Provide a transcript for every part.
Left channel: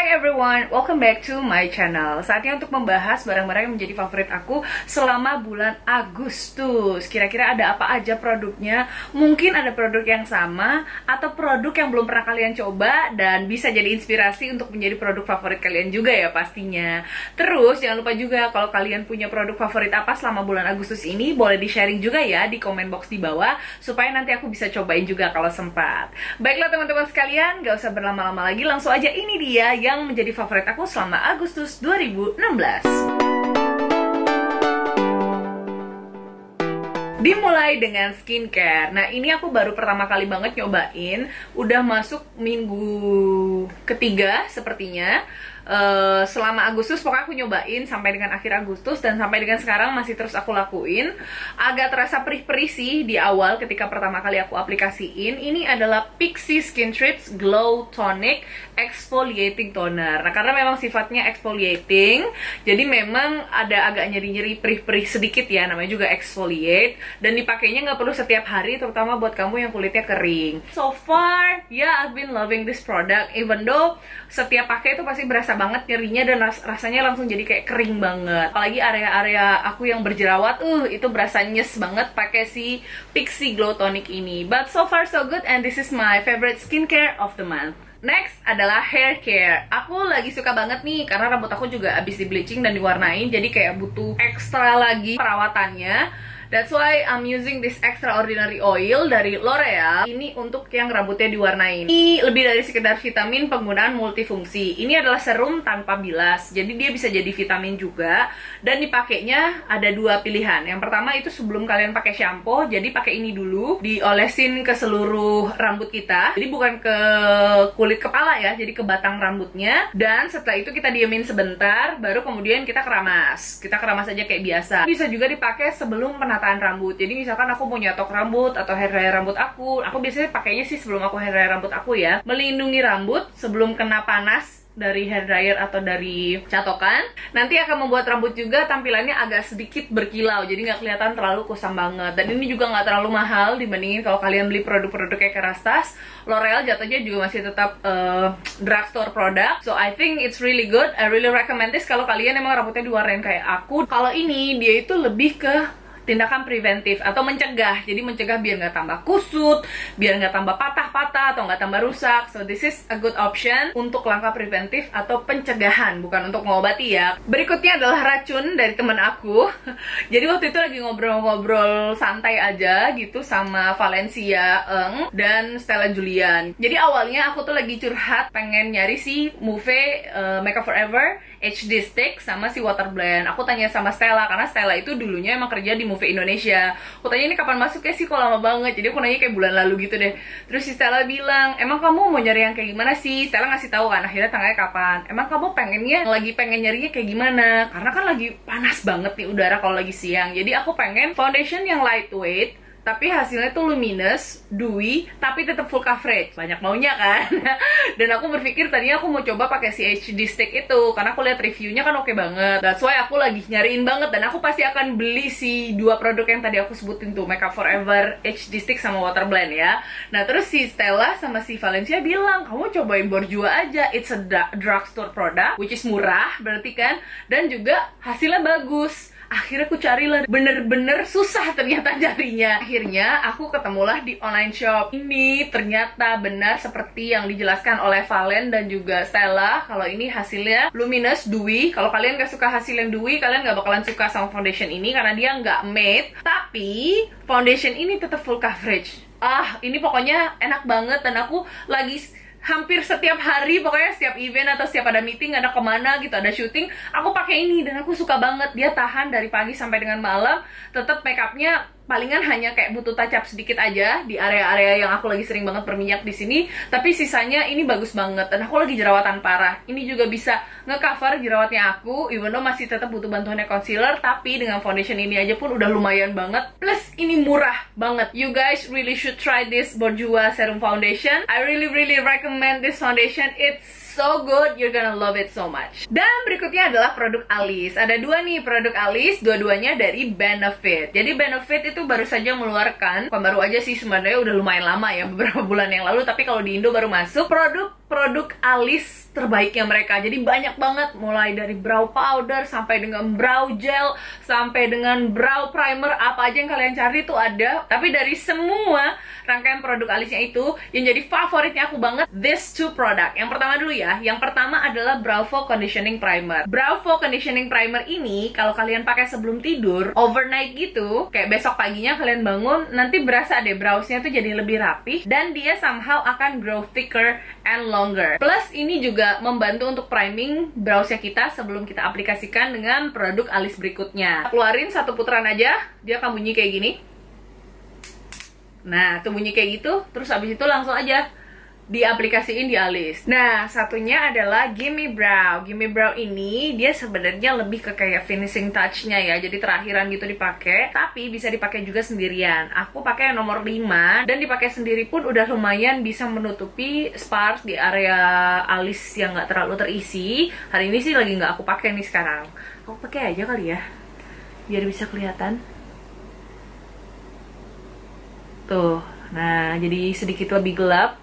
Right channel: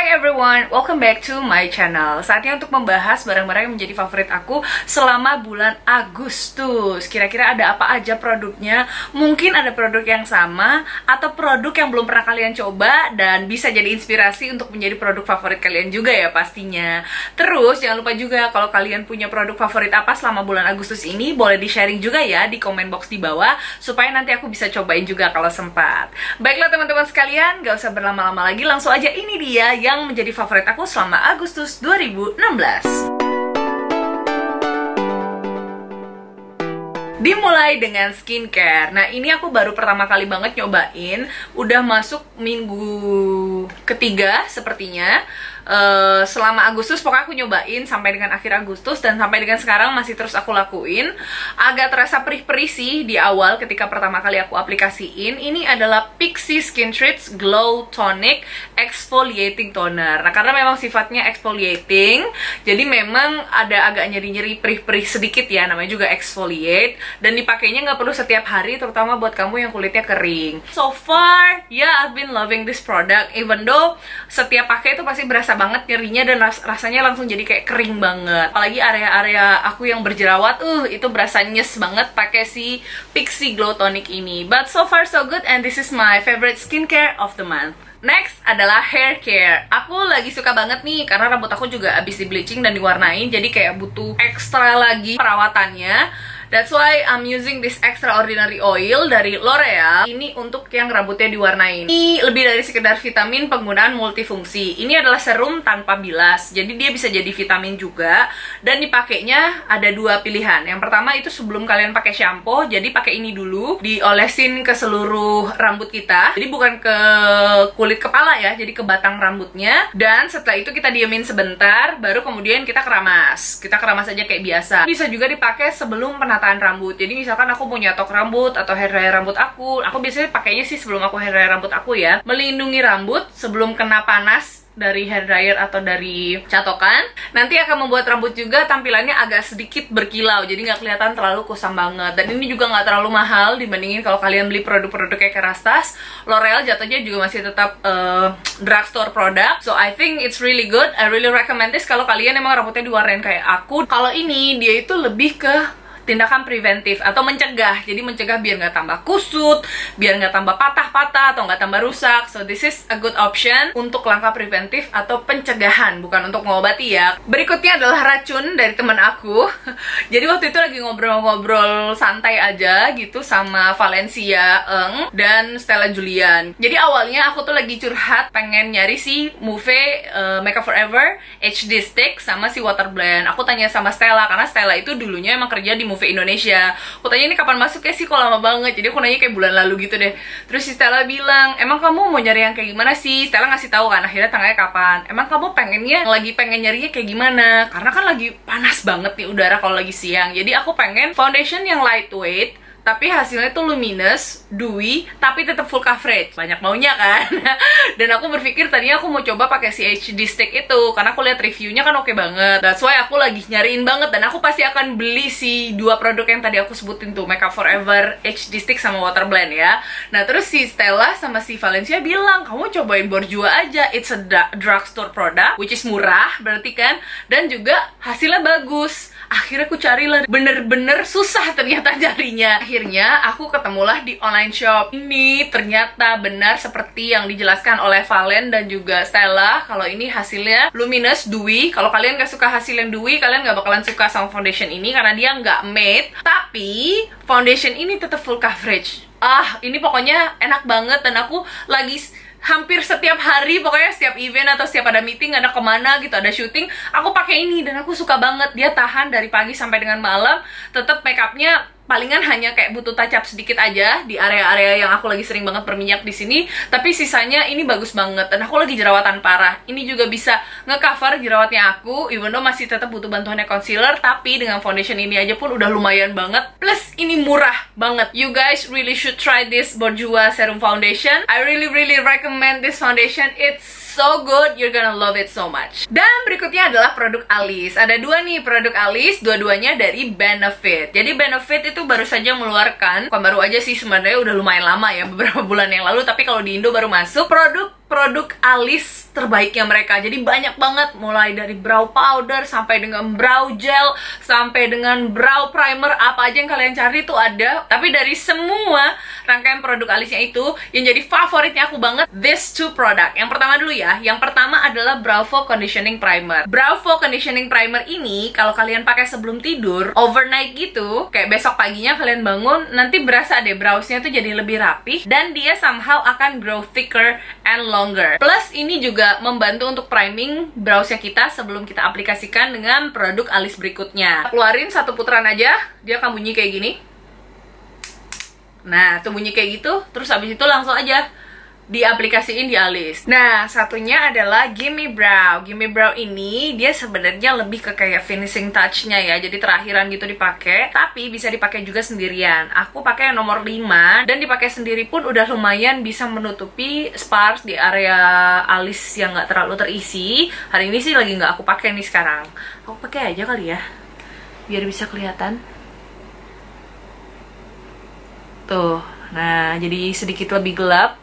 Hi everyone, welcome back to my channel. Saatnya untuk membahas barang-barang yang menjadi favorit aku selama bulan Agustus. Kira-kira ada apa aja produknya? Mungkin ada produk yang sama atau produk yang belum pernah kalian coba dan bisa jadi inspirasi untuk menjadi produk favorit kalian juga ya pastinya. Terus jangan lupa juga kalau kalian punya produk favorit apa selama bulan Agustus ini, boleh di-sharing juga ya di komen box di bawah supaya nanti aku bisa cobain juga kalau sempat. Baiklah teman-teman sekalian, gak usah berlama-lama lagi, langsung aja ini dia yang menjadi favorit aku selama Agustus 2016. Dimulai dengan skincare. Nah, ini aku baru pertama kali banget nyobain. Udah masuk minggu ketiga sepertinya. Selama Agustus pokoknya aku nyobain sampai dengan akhir Agustus, dan sampai dengan sekarang masih terus aku lakuin. Agak terasa perih-perih sih di awal ketika pertama kali aku aplikasiin. Ini adalah Pixi Skin Treats Glow Tonic Exfoliating Toner. Nah, karena memang sifatnya exfoliating, jadi memang ada agak nyeri-nyeri, perih-perih sedikit ya, namanya juga exfoliate. Dan dipakainya nggak perlu setiap hari, terutama buat kamu yang kulitnya kering. So far, yeah, I've been loving this product. Even though setiap pakai itu pasti berasa banget nyerinya dan rasanya langsung jadi kayak kering banget. Apalagi area-area aku yang berjerawat, itu berasa nyes banget pakai si Pixi Glow Tonic ini. But so far so good, and this is my favorite skincare of the month. Next adalah hair care. Aku lagi suka banget nih karena rambut aku juga abis di bleaching dan diwarnain, jadi kayak butuh ekstra lagi perawatannya. That's why I'm using this extraordinary oil dari L'Oreal. Ini untuk yang rambutnya diwarnain. Ini lebih dari sekedar vitamin, penggunaan multifungsi. Ini adalah serum tanpa bilas, jadi dia bisa jadi vitamin juga. Dan dipakainya ada dua pilihan. Yang pertama itu sebelum kalian pakai shampoo, jadi pakai ini dulu, diolesin ke seluruh rambut kita. Jadi bukan ke kulit kepala ya, jadi ke batang rambutnya. Dan setelah itu kita diemin sebentar, baru kemudian kita keramas. Kita keramas aja kayak biasa. Bisa juga dipakai sebelum penataan rambut. Jadi misalkan aku mau nyatok rambut atau hair dryer rambut aku biasanya pakainya sih sebelum aku hair dryer rambut aku ya, melindungi rambut sebelum kena panas dari hair dryer atau dari catokan. Nanti akan membuat rambut juga tampilannya agak sedikit berkilau, jadi nggak kelihatan terlalu kusam banget. Dan ini juga nggak terlalu mahal dibandingin kalau kalian beli produk-produk kayak Kerastase. L'Oreal jatuhnya juga masih tetap drugstore product. So I think it's really good. I really recommend this kalau kalian emang rambutnya diwarnain kayak aku. Kalau ini dia itu lebih ke tindakan preventif atau mencegah, jadi mencegah biar nggak tambah kusut, biar nggak tambah patah-patah atau nggak tambah rusak. So this is a good option untuk langkah preventif atau pencegahan, bukan untuk mengobati ya. Berikutnya adalah racun dari teman aku. Jadi waktu itu lagi ngobrol-ngobrol santai aja gitu sama Valencia Eng dan Stella Julian. Jadi awalnya aku tuh lagi curhat pengen nyari si Mouve Makeup Forever HD Stick sama si Water Blend. Aku tanya sama Stella karena Stella itu dulunya emang kerja di Mouve Indonesia. Aku tanya ini kapan masuknya sih, kok lama banget. Jadi aku nanya kayak bulan lalu gitu deh. Terus si Stella bilang, emang kamu mau nyari yang kayak gimana sih? Stella ngasih tahu kan akhirnya tanggalnya kapan. Emang kamu pengennya lagi pengen nyarinya kayak gimana? Karena kan lagi panas banget nih udara kalau lagi siang. Jadi aku pengen foundation yang lightweight tapi hasilnya tuh luminous, dewy, tapi tetap full coverage. Banyak maunya kan? Dan aku berpikir tadinya aku mau coba pakai si HD Stick itu karena aku lihat reviewnya kan oke banget. That's why aku lagi nyariin banget, dan aku pasti akan beli si dua produk yang tadi aku sebutin tuh, Makeup Forever HD Stick sama Water Blend ya. Nah, terus si Stella sama si Valencia bilang, kamu cobain Borjua aja. It's a drugstore product, which is murah berarti kan, dan juga hasilnya bagus. Akhirnya aku carilah, bener-bener susah ternyata carinya. Akhirnya aku ketemulah di online shop ini. Ternyata benar seperti yang dijelaskan oleh Valen dan juga Stella, kalau ini hasilnya luminous, dewy. Kalau kalian gak suka hasil yang dewy, kalian gak bakalan suka sama foundation ini karena dia nggak matte. Tapi foundation ini tetap full coverage. Ini pokoknya enak banget, dan aku lagi hampir setiap hari, pokoknya setiap event atau setiap ada meeting, ada kemana gitu, ada syuting, aku pakai ini dan aku suka banget. Dia tahan dari pagi sampai dengan malam, tetap makeupnya palingan hanya kayak butuh touch up sedikit aja di area-area yang aku lagi sering banget berminyak di sini, tapi sisanya ini bagus banget. Dan aku lagi jerawatan parah, ini juga bisa ngecover jerawatnya aku, even though masih tetap butuh bantuannya concealer, tapi dengan foundation ini aja pun udah lumayan banget. Plus ini murah banget. You guys really should try this Borjua Serum Foundation. I really recommend this foundation. It's so good, you're gonna love it so much. Dan berikutnya adalah produk alis. Ada dua nih produk alis, dua-duanya dari Benefit. Jadi Benefit itu baru saja mengeluarkan, bukan baru aja sih sebenarnya, udah lumayan lama ya, beberapa bulan yang lalu, tapi kalau di Indo baru masuk produk produk alis terbaiknya mereka. Jadi banyak banget, mulai dari brow powder sampai dengan brow gel sampai dengan brow primer, apa aja yang kalian cari itu ada. Tapi dari semua rangkaian produk alisnya itu, yang jadi favoritnya aku banget this two product. Yang pertama dulu ya, yang pertama adalah Bravo Conditioning Primer. Bravo Conditioning Primer ini kalau kalian pakai sebelum tidur overnight gitu, kayak besok paginya kalian bangun, nanti berasa deh browsnya tuh jadi lebih rapih, dan dia somehow akan grow thicker and longer. Plus ini juga membantu untuk priming browsnya kita sebelum kita aplikasikan dengan produk alis berikutnya. Keluarin satu putaran aja, dia akan bunyi kayak gini. Nah, tuh bunyi kayak gitu, terus habis itu langsung aja diaplikasiin di alis. Nah, satunya adalah Gimme Brow. Gimme Brow ini dia sebenarnya lebih ke kayak finishing touch-nya ya. Jadi terakhiran gitu dipakai, tapi bisa dipakai juga sendirian. Aku pakai yang nomor 5 dan dipakai sendiri pun udah lumayan bisa menutupi sparse di area alis yang nggak terlalu terisi. Hari ini sih lagi nggak aku pakai nih sekarang. Aku pakai aja kali ya, biar bisa kelihatan. Tuh. Nah, jadi sedikit lebih gelap.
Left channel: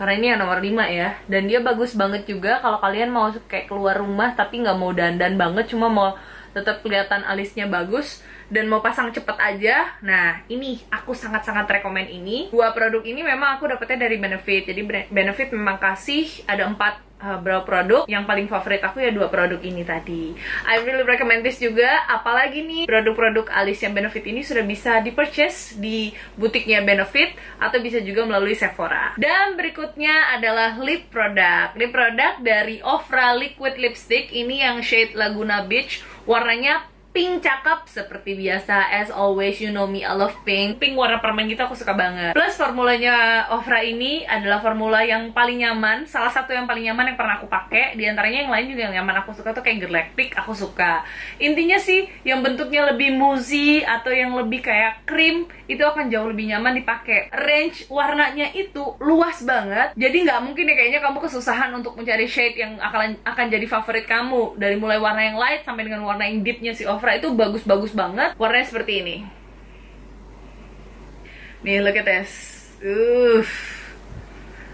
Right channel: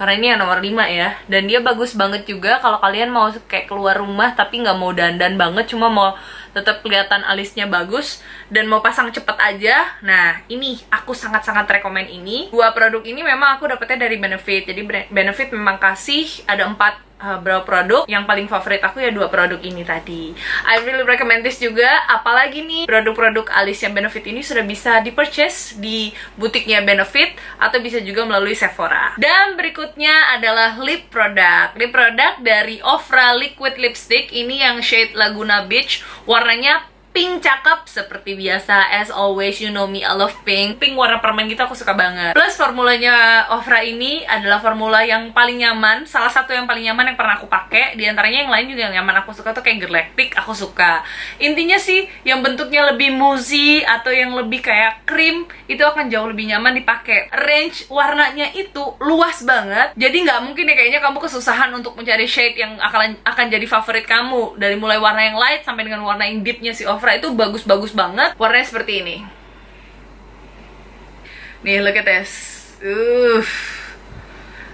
Karena ini yang nomor 5 ya. Dan dia bagus banget juga kalau kalian mau kayak keluar rumah tapi nggak mau dandan banget, cuma mau tetap kelihatan alisnya bagus dan mau pasang cepet aja. Nah, ini aku sangat-sangat rekomen ini. Dua produk ini memang aku dapetnya dari Benefit. Jadi Benefit memang kasih ada 4 brow produk. Yang paling favorit aku ya 2 produk ini tadi. I really recommend this juga. Apalagi nih produk-produk alis yang Benefit ini sudah bisa di-purchase di butiknya Benefit atau bisa juga melalui Sephora. Dan berikutnya adalah lip product. Lip product dari Ofra Liquid Lipstick. Ini yang shade Laguna Beach. Warnanya pink cakep seperti biasa, as always, you know me, I love pink. Pink warna permen gitu aku suka banget. Plus formulanya Ofra ini adalah formula yang paling nyaman, salah satu yang paling nyaman yang pernah aku pakai. Di antaranya yang lain juga yang nyaman aku suka tuh kayak Galactic, aku suka. Intinya sih yang bentuknya lebih mousse atau yang lebih kayak krim itu akan jauh lebih nyaman dipakai. Range warnanya itu luas banget, jadi nggak mungkin ya kayaknya kamu kesusahan untuk mencari shade yang akan jadi favorit kamu. Dari mulai warna yang light sampai dengan warna yang deepnya si Ofra itu bagus-bagus banget. Warnanya seperti ini. Nih, look at this.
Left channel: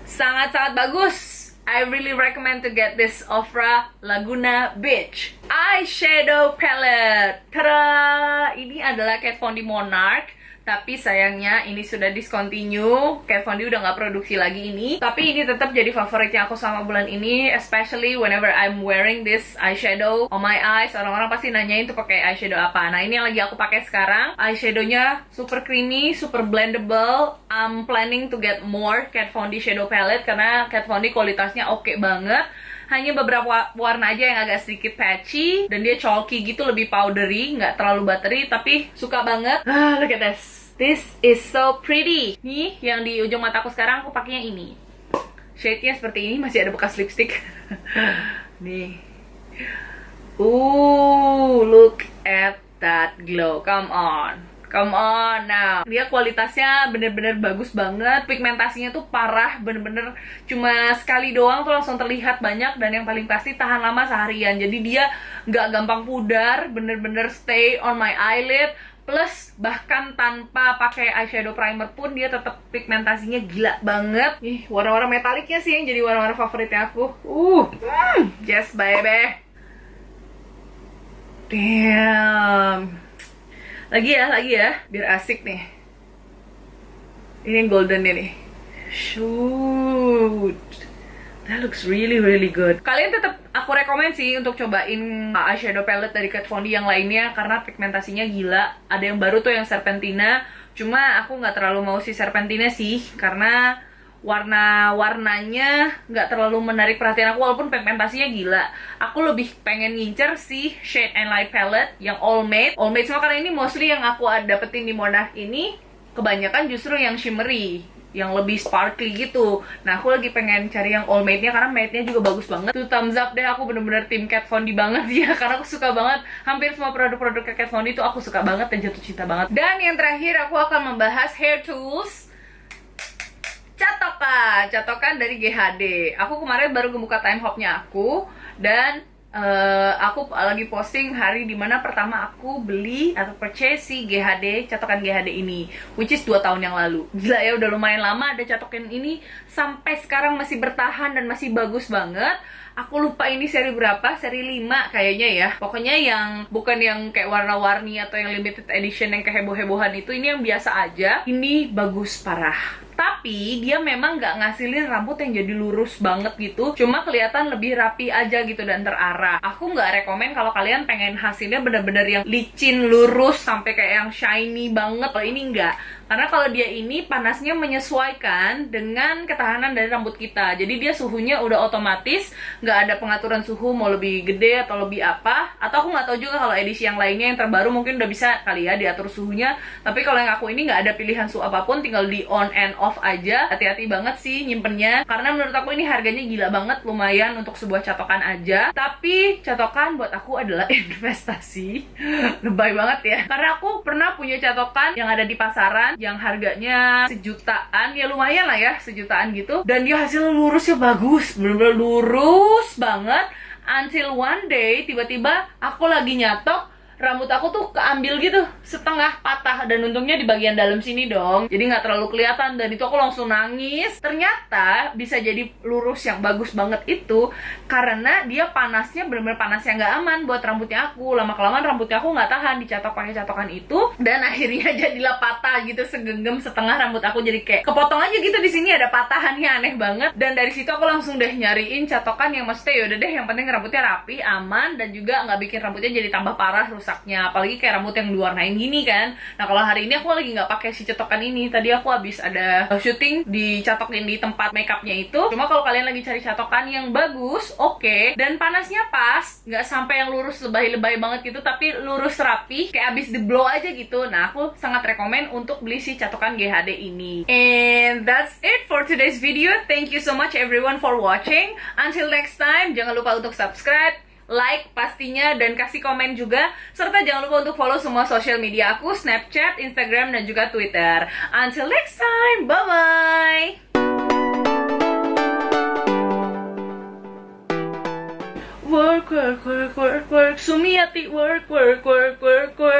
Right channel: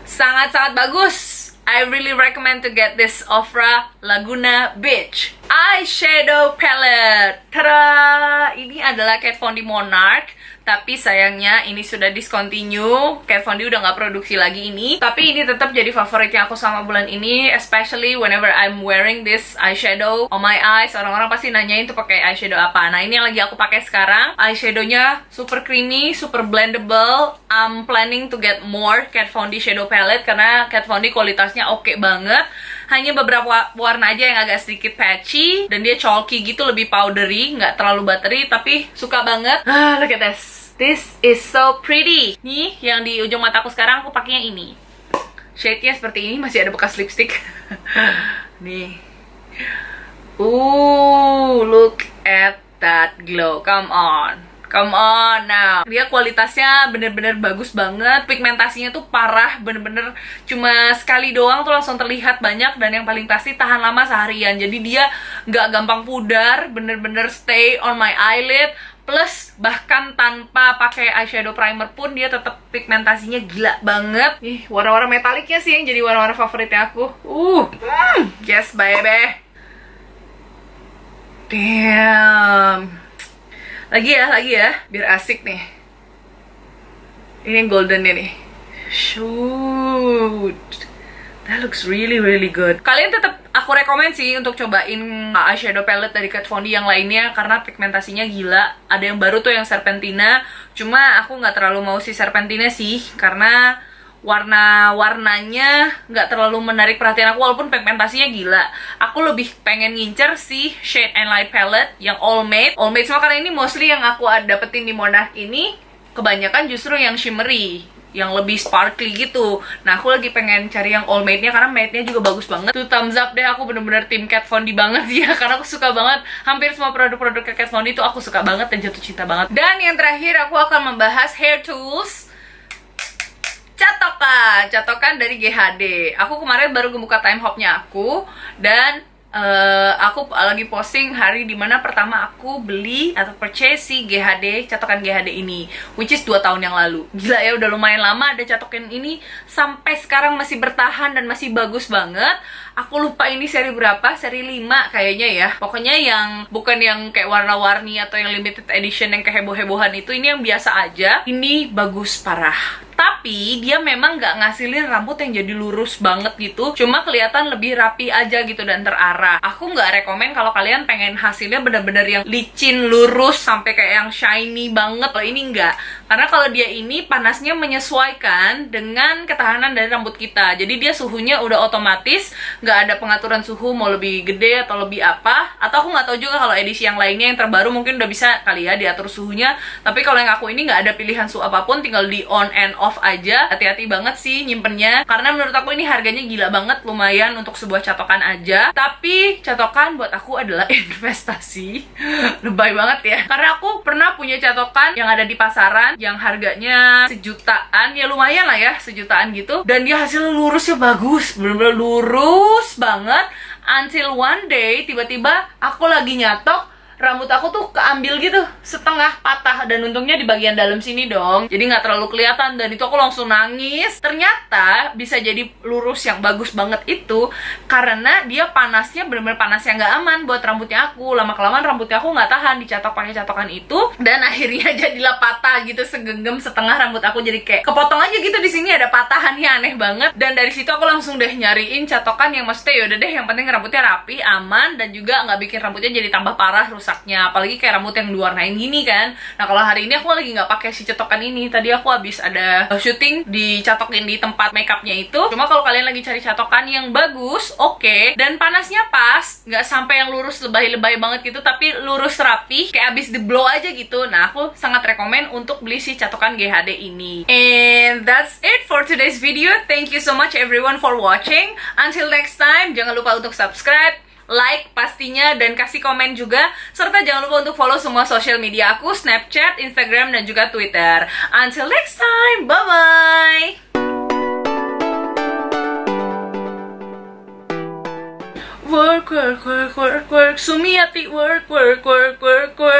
Sangat-sangat bagus. I really recommend to get this Ofra Laguna Beach eyeshadow palette. Tada! Ini adalah Kat Von D Monarch. Tapi sayangnya ini sudah discontinue. Kat Von D udah nggak produksi lagi ini. Tapi ini tetap jadi favoritnya aku sama bulan ini, especially whenever I'm wearing this eyeshadow on my eyes. Orang-orang pasti nanyain tuh pakai eyeshadow apa. Nah, ini yang lagi aku pakai sekarang. Eyeshadownya super creamy, super blendable. I'm planning to get more Kat Von D shadow palette karena Kat Von D kualitasnya oke banget. Hanya beberapa warna aja yang agak sedikit patchy dan dia chalky gitu, lebih powdery, nggak terlalu buttery, tapi suka banget. Look at this. This is so pretty. Nih, yang di ujung mataku sekarang aku pakainya ini. Shade-nya seperti ini, masih ada bekas lipstick. Nih. Look at that glow. Come on. Come on now. Dia kualitasnya bener-bener bagus banget. Pigmentasinya tuh parah, bener-bener cuma sekali doang tuh langsung terlihat banyak. Dan yang paling pasti tahan lama seharian. Jadi dia nggak gampang pudar, bener-bener stay on my eyelid. Plus bahkan tanpa pakai eyeshadow primer pun dia tetap pigmentasinya gila banget. Ih, warna-warna metaliknya sih yang jadi warna-warna favoritnya aku. Yes baby. Damn. Lagi ya, biar asik nih. Ini yang goldennya nih. Shoot. That looks really really good. Kalian tetap aku rekomen sih untuk cobain eyeshadow palette dari Kat Von D yang lainnya karena pigmentasinya gila. Ada yang baru tuh yang Serpentina. Cuma aku nggak terlalu mau si Serpentina sih karena warna-warnanya nggak terlalu menarik perhatian aku walaupun pigmentasinya gila. Aku lebih pengen ngincer si Shade and Light palette yang All Matte. All Matte semua karena ini mostly yang aku dapetin di Monarch ini kebanyakan justru yang shimmery, yang lebih sparkly gitu. Nah, aku lagi pengen cari yang all matte-nya karena matte-nya juga bagus banget. Tuh thumbs up deh, aku bener-bener tim Kat Von D banget ya. Karena aku suka banget, hampir semua produk-produk Kat Von D itu aku suka banget dan jatuh cinta banget. Dan yang terakhir aku akan membahas hair tools Catokan dari GHD. Aku kemarin baru ngebuka time hop-nya aku dan aku lagi posting hari dimana pertama aku beli atau purchase si GHD, catokan GHD ini, which is 2 tahun yang lalu. Gila ya, udah lumayan lama ada catokan ini, sampai sekarang masih bertahan dan masih bagus banget. Aku lupa ini seri berapa, seri 5 kayaknya ya. Pokoknya yang bukan yang kayak warna-warni atau yang limited edition yang kayak heboh-hebohan itu, ini yang biasa aja. Ini bagus parah. Tapi dia memang nggak ngasilin rambut yang jadi lurus banget gitu, cuma kelihatan lebih rapi aja gitu dan terarah. Aku nggak rekomen kalau kalian pengen hasilnya bener-bener yang licin, lurus, sampai kayak yang shiny banget. Kalau ini nggak, karena kalau dia ini panasnya menyesuaikan dengan ketahanan dari rambut kita. Jadi dia suhunya udah otomatis, nggak ada pengaturan suhu mau lebih gede atau lebih apa. Atau aku nggak tahu juga kalau edisi yang lainnya yang terbaru mungkin udah bisa kali ya diatur suhunya. Tapi kalau yang aku ini nggak ada pilihan suhu apapun, tinggal di on and off aja. Hati-hati banget sih nyimpennya, karena menurut aku ini harganya gila banget, lumayan untuk sebuah catokan aja. Tapi catokan buat aku adalah investasi. Lebay banget ya, karena aku pernah punya catokan yang ada di pasaran yang harganya sejutaan, ya lumayan lah ya, sejutaan gitu, dan dia hasil lurusnya bagus, bener-bener lurus banget. Until one day tiba-tiba aku lagi nyatok, rambut aku tuh keambil gitu, setengah patah, dan untungnya di bagian dalam sini dong, jadi nggak terlalu kelihatan. Dan itu aku langsung nangis. Ternyata bisa jadi lurus yang bagus banget itu karena dia panasnya bener-bener panas yang nggak aman buat rambutnya aku. Lama-kelamaan rambutnya aku nggak tahan dicatok pakai catokan itu, dan akhirnya jadilah patah gitu, segenggam setengah rambut aku jadi kayak kepotong aja gitu. Di sini ada patahannya, aneh banget. Dan dari situ aku langsung deh nyariin catokan yang maksudnya yaudah deh, yang penting rambutnya rapi, aman, dan juga nggak bikin rambutnya jadi tambah parah rusaknya, apalagi kayak rambut yang diwarnain gini kan. Nah kalau hari ini aku lagi nggak pakai si cetokan ini. Tadi aku habis ada syuting dicatokin di tempat makeupnya itu. Cuma kalau kalian lagi cari catokan yang bagus, oke, dan panasnya pas, nggak sampai yang lurus lebay-lebay banget gitu, tapi lurus rapi kayak abis di blow aja gitu. Nah aku sangat rekomen untuk beli si catokan GHD ini. And that's it for today's video. Thank you so much everyone for watching. Until next time, jangan lupa untuk subscribe, like pastinya, dan kasih komen juga. Serta jangan lupa untuk follow semua sosial media aku, Snapchat, Instagram, dan juga Twitter. Until next time, bye-bye! Work, work, work, work, work, Sumiati, work, work, work, work, work.